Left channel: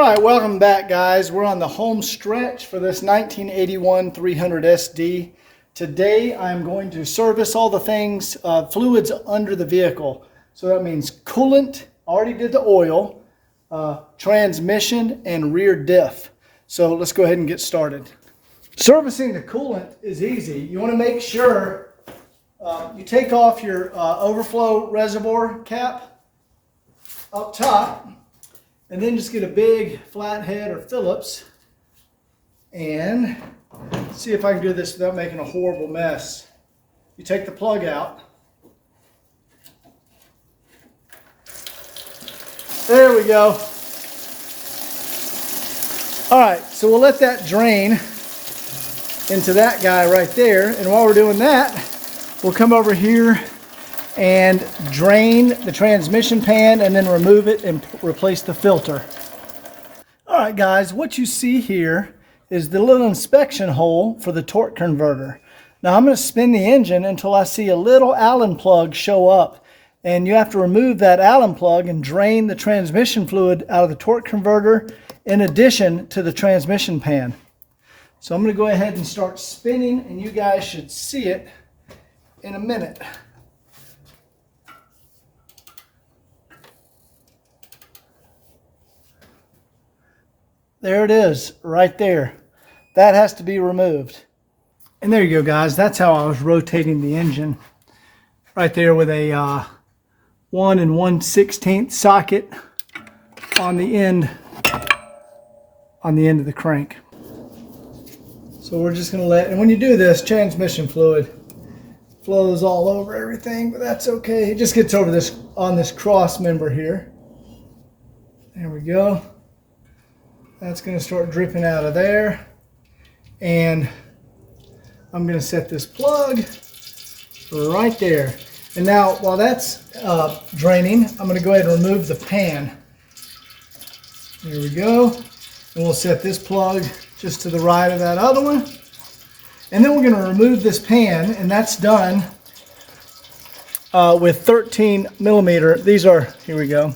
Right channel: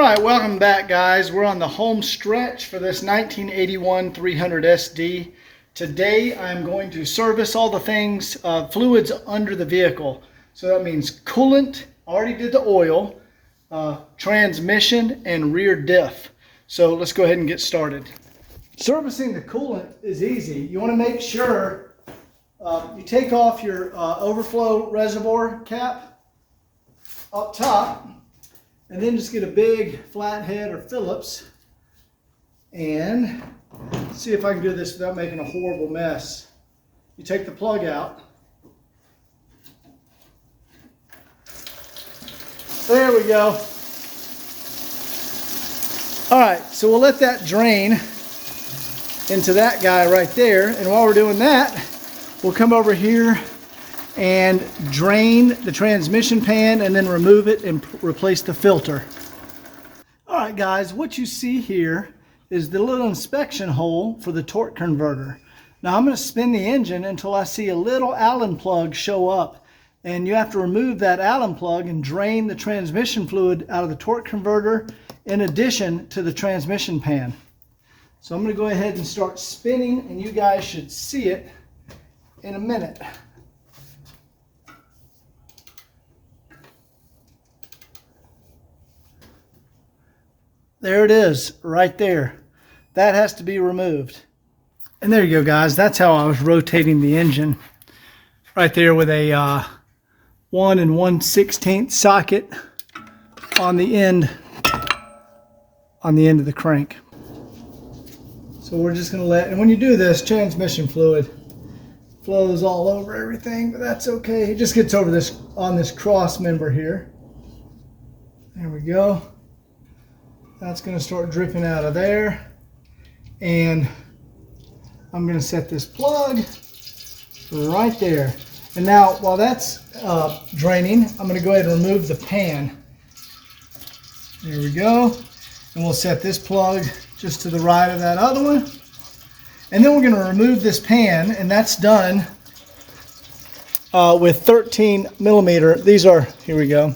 right, welcome back, guys. We're on the home stretch for this 1981 300 SD. Today I'm going to service all the things, fluids under the vehicle. So that means coolant, already did the oil, transmission, and rear diff. So let's go ahead and get started. Servicing the coolant is easy. You want to make sure you take off your overflow reservoir cap up top, and then just get a big flathead or Phillips and see if I can do this without making a horrible mess. You take the plug out. There we go. All right, so we'll let that drain into that guy right there. And while we're doing that, we'll come over here and drain the transmission pan and then remove it and replace the filter. All right, guys, what you see here is the little inspection hole for the torque converter. Now I'm going to spin the engine until I see a little Allen plug show up, and you have to remove that Allen plug and drain the transmission fluid out of the torque converter in addition to the transmission pan. So I'm going to go ahead and start spinning, and you guys should see it in a minute. There it is, right there. That has to be removed. And there you go, guys. That's how I was rotating the engine. Right there with a 1 1/16 socket on the end of the crank. So we're just going to let, and when you do this, transmission fluid flows all over everything, but that's okay. It just gets over this on this cross member here. There we go. That's going to start dripping out of there. And I'm going to set this plug right there. And now, while that's draining, I'm going to go ahead and remove the pan. There we go. And we'll set this plug just to the right of that other one. And then we're going to remove this pan, and that's done with 13 millimeter. These are, here we go.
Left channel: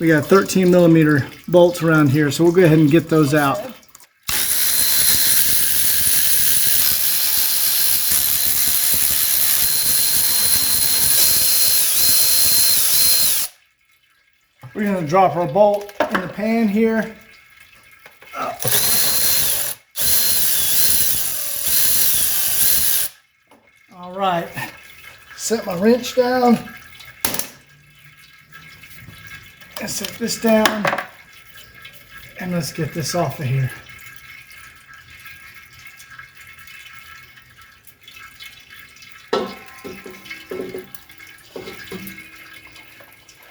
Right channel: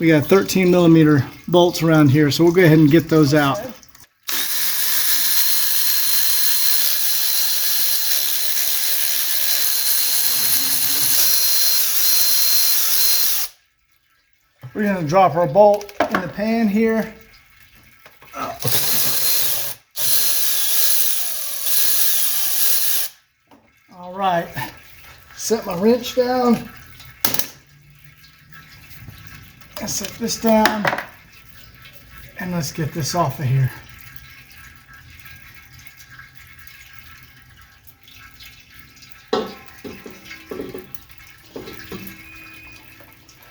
We got 13 millimeter bolts around here, so we'll go ahead and get those out. We're going to drop our bolt in the pan here. All right, set my wrench down. Let's set this down, and let's get this off of here.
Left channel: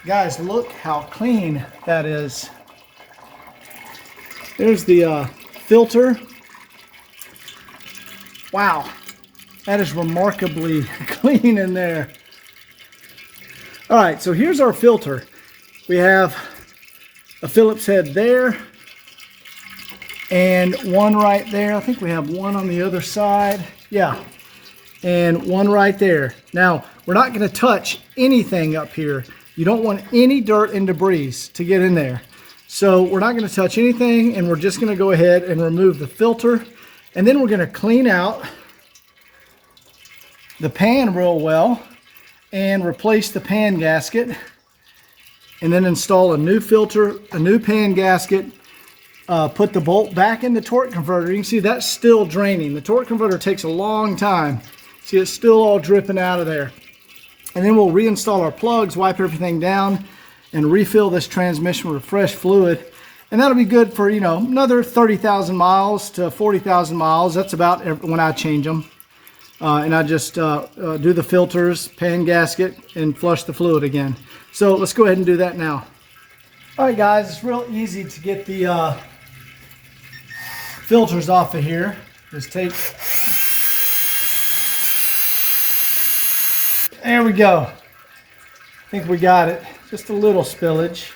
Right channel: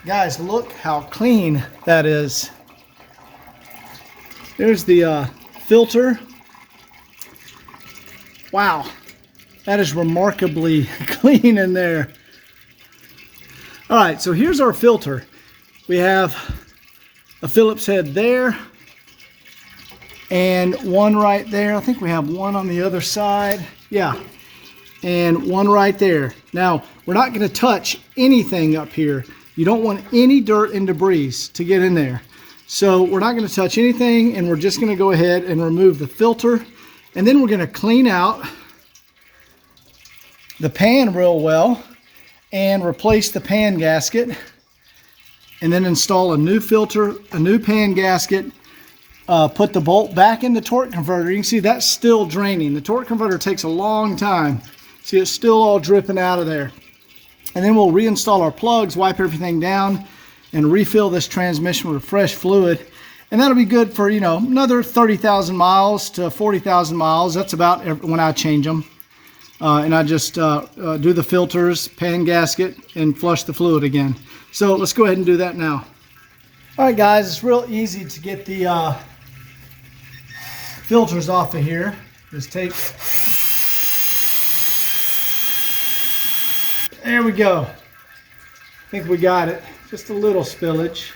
Guys, look how clean that is. There's the filter. Wow, that is remarkably clean in there. All right, so here's our filter. We have a Phillips head there and one right there. I think we have one on the other side. Yeah, and one right there. Now, we're not going to touch anything up here. You don't want any dirt and debris to get in there. So we're not going to touch anything, and we're just going to go ahead and remove the filter. And then we're going to clean out the pan real well and replace the pan gasket. And then install a new filter, a new pan gasket, put the bolt back in the torque converter. You can see that's still draining. The torque converter takes a long time. See, it's still all dripping out of there. And then we'll reinstall our plugs, wipe everything down, and refill this transmission with fresh fluid. And that'll be good for, you know, another 30,000 miles to 40,000 miles. That's about when I change them. And I just do the filters, pan gasket, and flush the fluid again. So let's go ahead and do that now. All right, guys, it's real easy to get the filters off of here. Just take, there we go. I think we got it. Just a little spillage.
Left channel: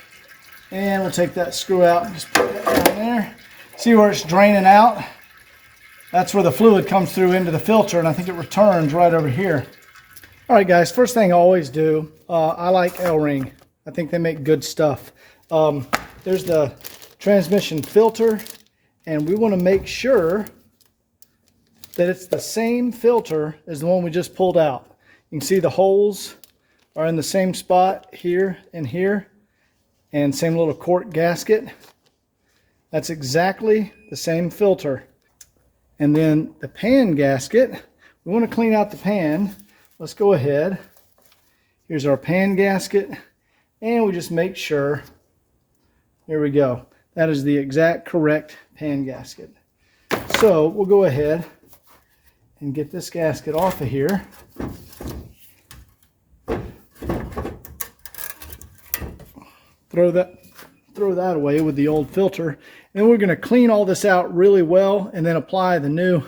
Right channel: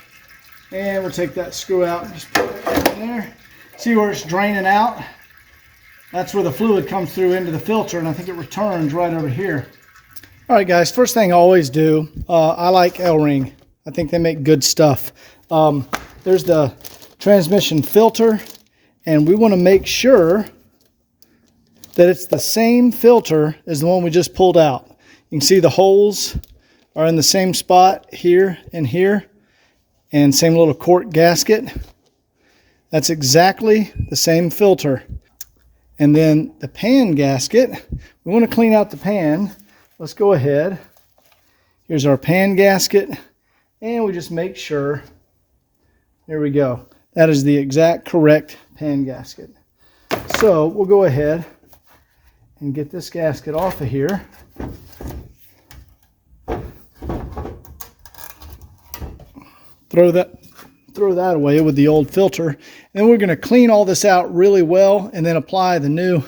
And we'll take that screw out and just put it in there. See where it's draining out? That's where the fluid comes through into the filter, and I think it returns right over here. All right, guys, first thing I always do, I like L-ring. I think they make good stuff. There's the transmission filter, and we want to make sure that it's the same filter as the one we just pulled out. You can see the holes are in the same spot here and here, and same little cork gasket. That's exactly the same filter. And then the pan gasket, we want to clean out the pan. Let's go ahead. Here's our pan gasket, and we just make sure, there we go. That is the exact correct pan gasket. So we'll go ahead and get this gasket off of here. Throw that away with the old filter. And then we're going to clean all this out really well and then apply the new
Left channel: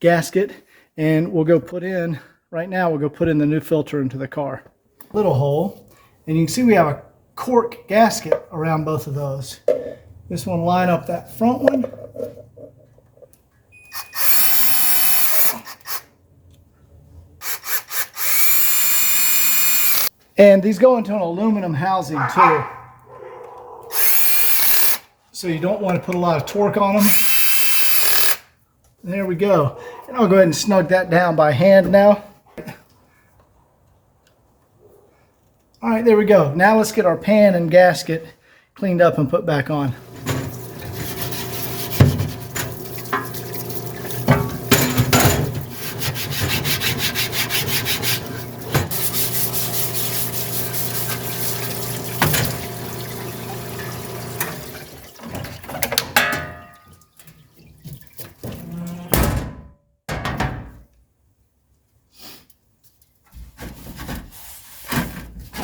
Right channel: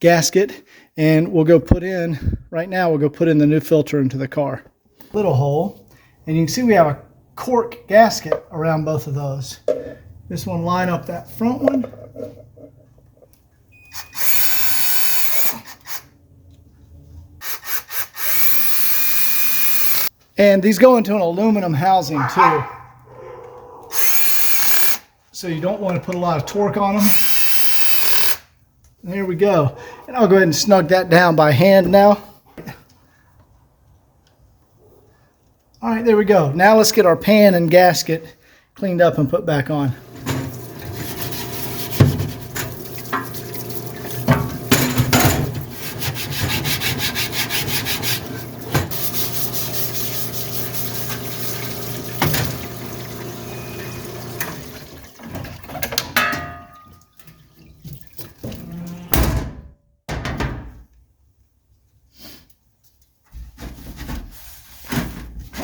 gasket. And we'll go put in, right now we'll go put in the new filter into the car. Little hole. And you can see we have a cork gasket around both of those. Just want to line up that front one. And these go into an aluminum housing too. So you don't want to put a lot of torque on them. There we go. And I'll go ahead and snug that down by hand now. All right, there we go. Now let's get our pan and gasket cleaned up and put back on.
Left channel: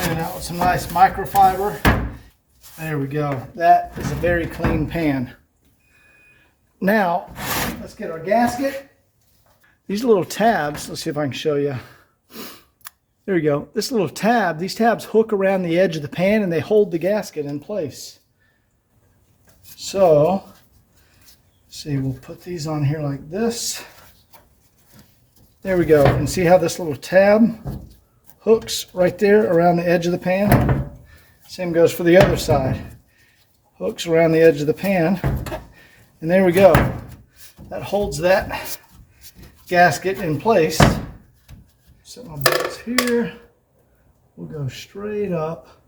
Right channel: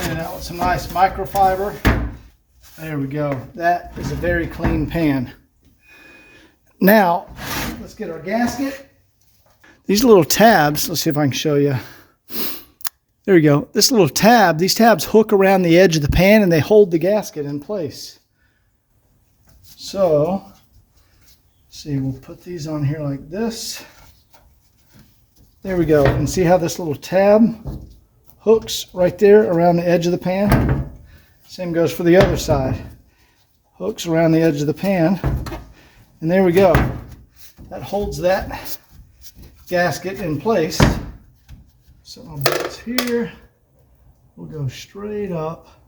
Out with some nice microfiber. There we go. That is a very clean pan. Now, let's get our gasket. These little tabs, let's see if I can show you. There we go. This little tab, these tabs hook around the edge of the pan and they hold the gasket in place. So, see, we'll put these on here like this. There we go. And see how this little tab hooks right there around the edge of the pan? Same goes for the other side. Hooks around the edge of the pan. And there we go. That holds that gasket in place. Set my bolts here. We'll go straight up.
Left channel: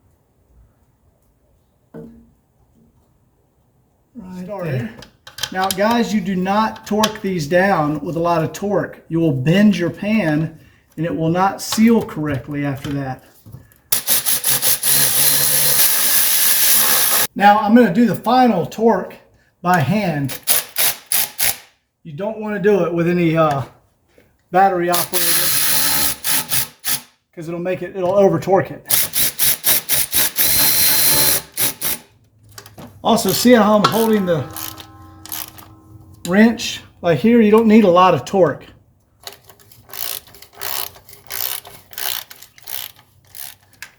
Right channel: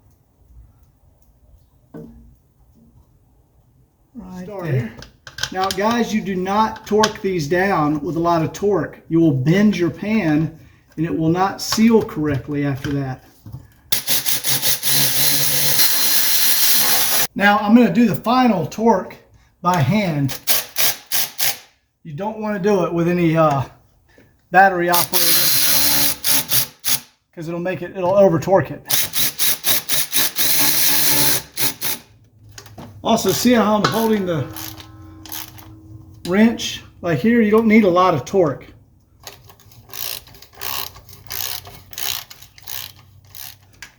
Right there. Now guys, you do not torque these down with a lot of torque. You will bend your pan and it will not seal correctly after that. Now I'm going to do the final torque by hand. You don't want to do it with any battery operated because it'll over torque it. Also, see how I'm holding the wrench? Like here, you don't need a lot of torque.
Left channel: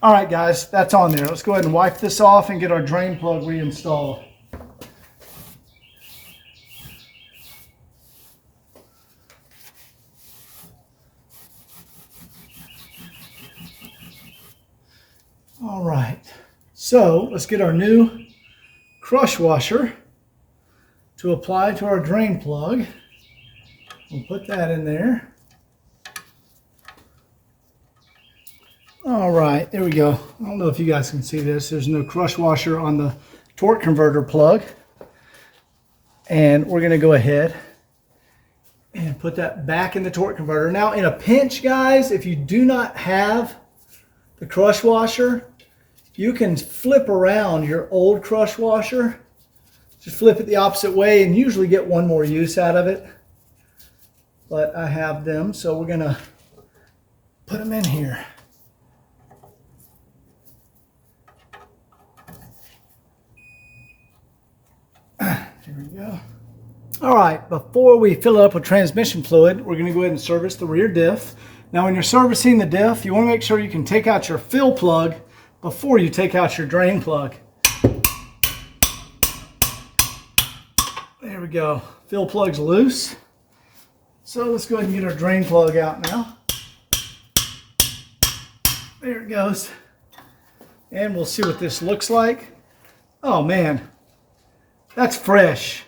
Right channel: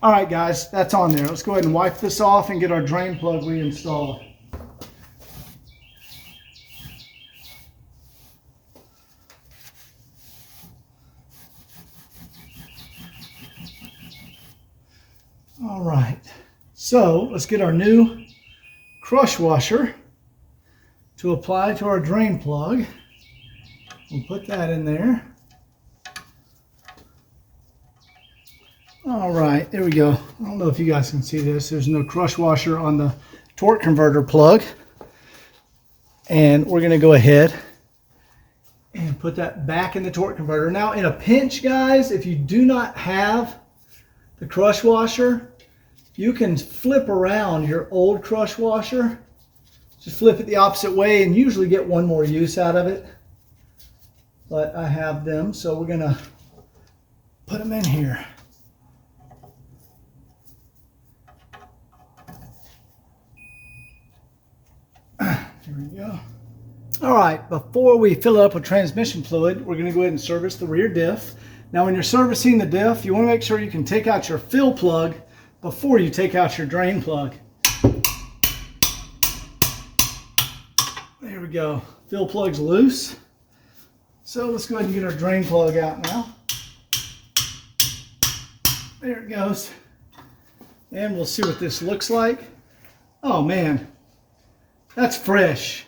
All right, guys, that's on there. Let's go ahead and wipe this off and get our drain plug reinstalled. All right, so let's get our new crush washer to apply to our drain plug. We'll put that in there. All right, there we go. I don't know if you guys can see this. There's no crush washer on the torque converter plug. And we're going to go ahead and put that back in the torque converter. Now, in a pinch, guys, if you do not have the crush washer, you can flip around your old crush washer. Just flip it the opposite way and usually get one more use out of it. But I have them, so we're going to put them in here. Here we go. All right, before we fill it up with transmission fluid, we're going to go ahead and service the rear diff. Now, when you're servicing the diff, you want to make sure you can take out your fill plug before you take out your drain plug. There we go. Fill plug's loose. So let's go ahead and get our drain plug out now. There it goes. And we'll see what this looks like. Oh man, That's fresh.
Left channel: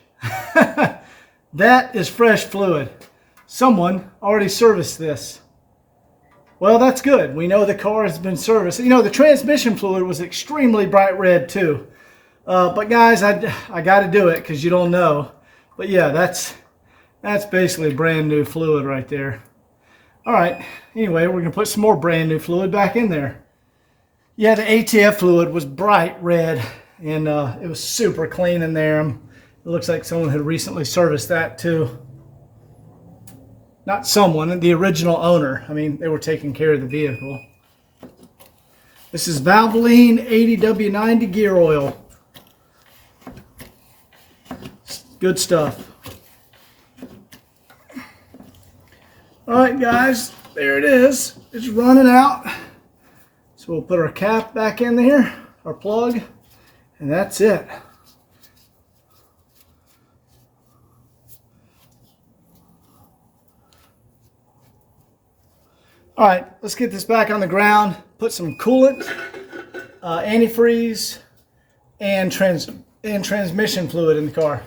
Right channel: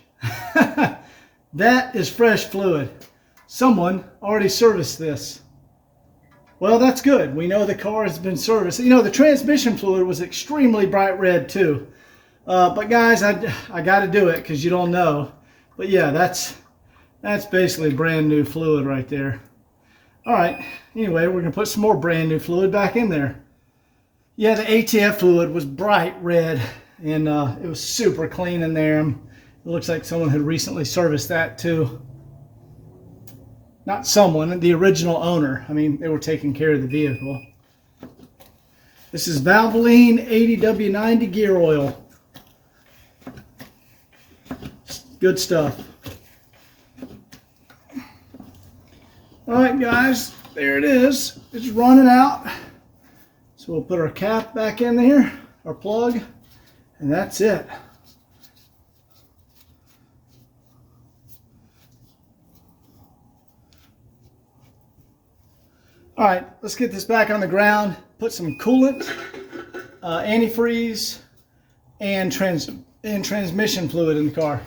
That is fresh fluid. Someone already serviced this. Well, that's good. We know the car has been serviced. You know, the transmission fluid was extremely bright red too. But guys, I got to do it because you don't know. But yeah, that's basically brand new fluid right there. All right. Anyway, we're going to put some more brand new fluid back in there. Yeah, the ATF fluid was bright red, and it was super clean in there. It looks like someone had recently serviced that too. Not someone, the original owner. I mean, they were taking care of the vehicle. This is Valvoline 80W90 gear oil. Good stuff. All right, guys, there it is. It's running out. So we'll put our cap back in there, our plug, and that's it. All right, let's get this back on the ground, put some coolant, antifreeze, and transmission fluid in the car.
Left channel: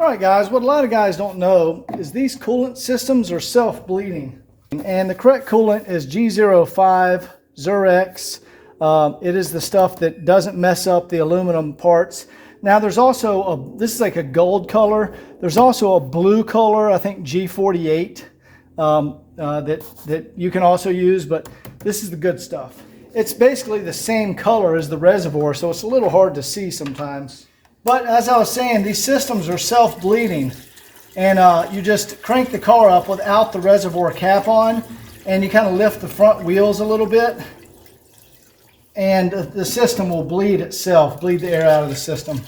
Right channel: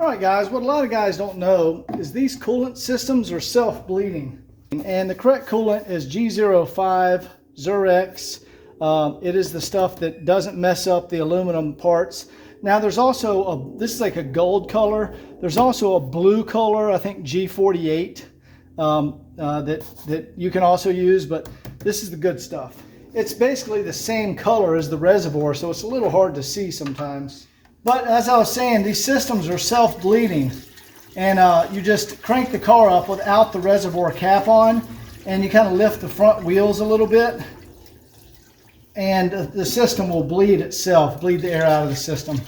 All right, guys, what a lot of guys don't know is these coolant systems are self-bleeding. And the correct coolant is G05 Zurex. It is the stuff that doesn't mess up the aluminum parts. Now there's also this is like a gold color. There's also a blue color, I think G48, that you can also use, but this is the good stuff. It's basically the same color as the reservoir, so it's a little hard to see sometimes. But as I was saying, these systems are self-bleeding, and you just crank the car up without the reservoir cap on, and you kind of lift the front wheels a little bit, and the system will bleed itself, bleed the air out of the system.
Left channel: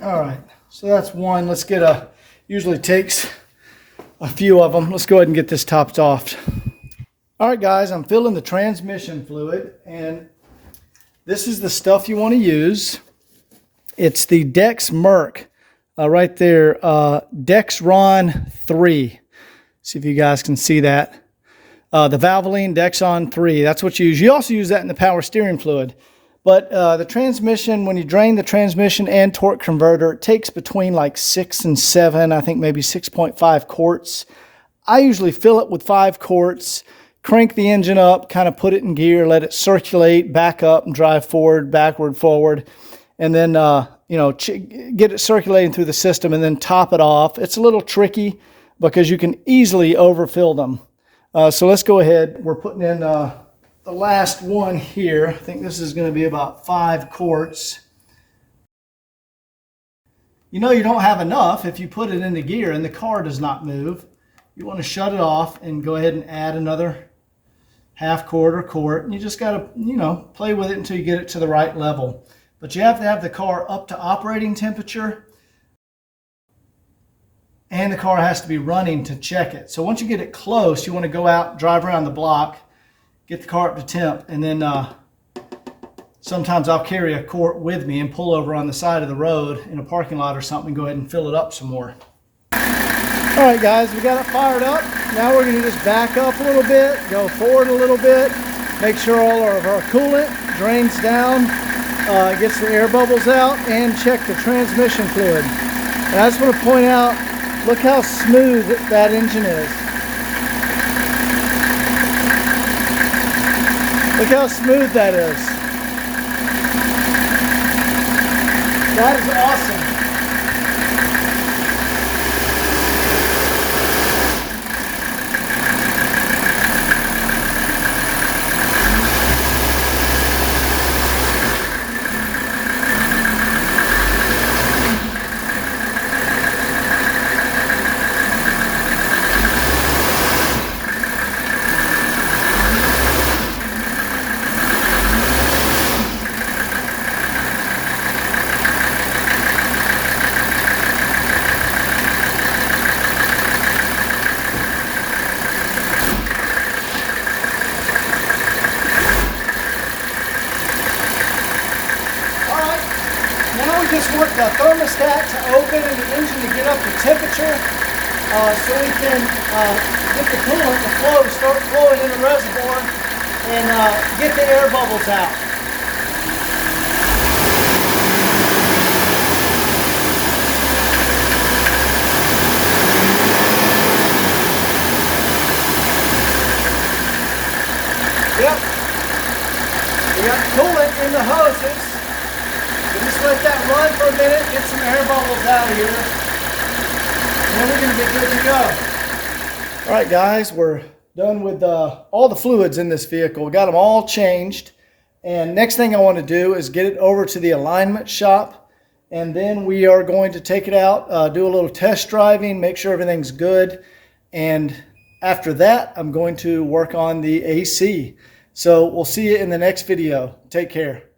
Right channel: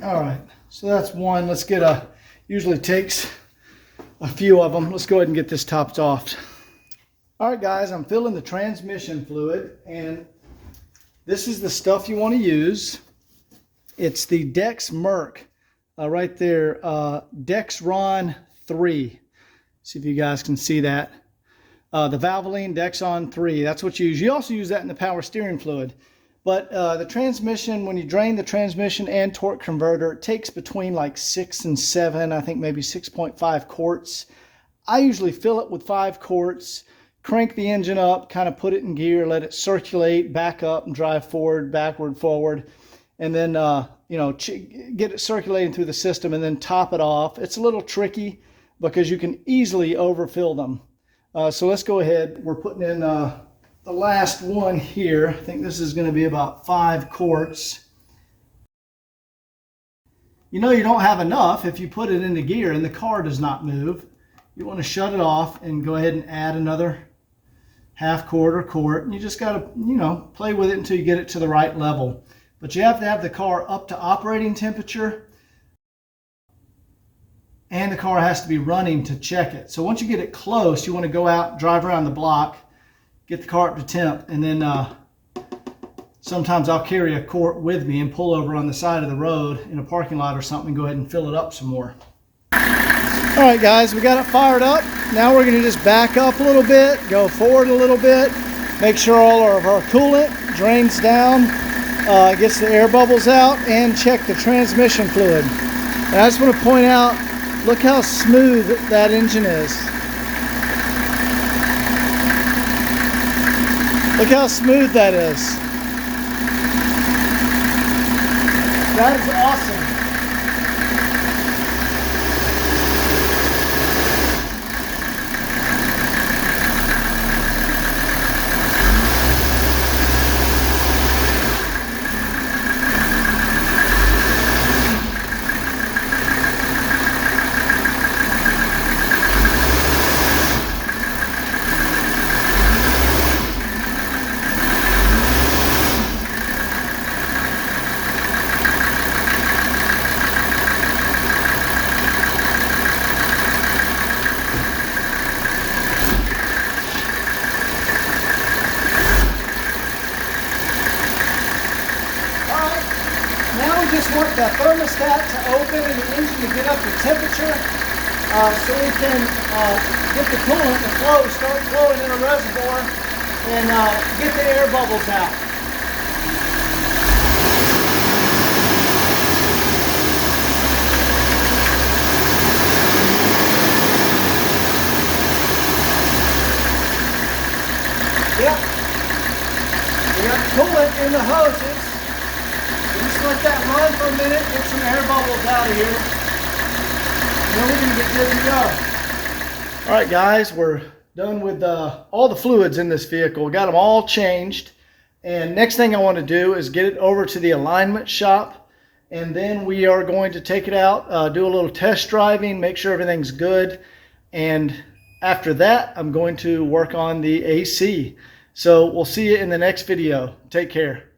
All right, so that's one. Let's get usually takes a few of them. Let's go ahead and get this topped off. All right, guys, I'm filling the transmission fluid, and this is the stuff you want to use. It's the Dex Merc right there, Dexron 3. See if you guys can see that. The Valvoline Dexron 3, that's what you use. You also use that in the power steering fluid. But the transmission, when you drain the transmission and torque converter, it takes between like 6 and 7, I think maybe 6.5 quarts. I usually fill it with 5 quarts, crank the engine up, kind of put it in gear, let it circulate, back up and drive forward, backward, forward. And then, you know, get it circulating through the system and then top it off. It's a little tricky because you can easily overfill them. So let's go ahead. We're putting in the last one here. I think this is going to be about 5 quarts. You know you don't have enough if you put it into gear and the car does not move. You want to shut it off and go ahead and add another half quart or quart. And you just got to, you know, play with it until you get it to the right level. But you have to have the car up to operating temperature, and the car has to be running to check it. So once you get it close, you want to go out, drive around the block, get the car up to temp, and then sometimes I'll carry a quart with me and pull over on the side of the road in a parking lot or something and go ahead and fill it up some more. All right, guys, we got it fired up. Now we're going to just back up a little bit, go forward a little bit, make sure all of our coolant drains down, gets the air bubbles out, and check the transmission fluid. And I just want to point out, look how smooth that engine is. Look how smooth that is. That is awesome. Just want the thermostat to open and the engine to get up to temperature so we can get the coolant to flow, start flowing in the reservoir and get the air bubbles out. Yep. We got coolant in the hoses. So just let that run for a minute, get some air bubbles out of here. And then we're going to get good to go. All right, guys, we're done with all the fluids in this vehicle. Got them all changed. And next thing I want to do is get it over to the alignment shop. And then we are going to take it out, do a little test driving, make sure everything's good. And after that, I'm going to work on the AC. So we'll see you in the next video. Take care.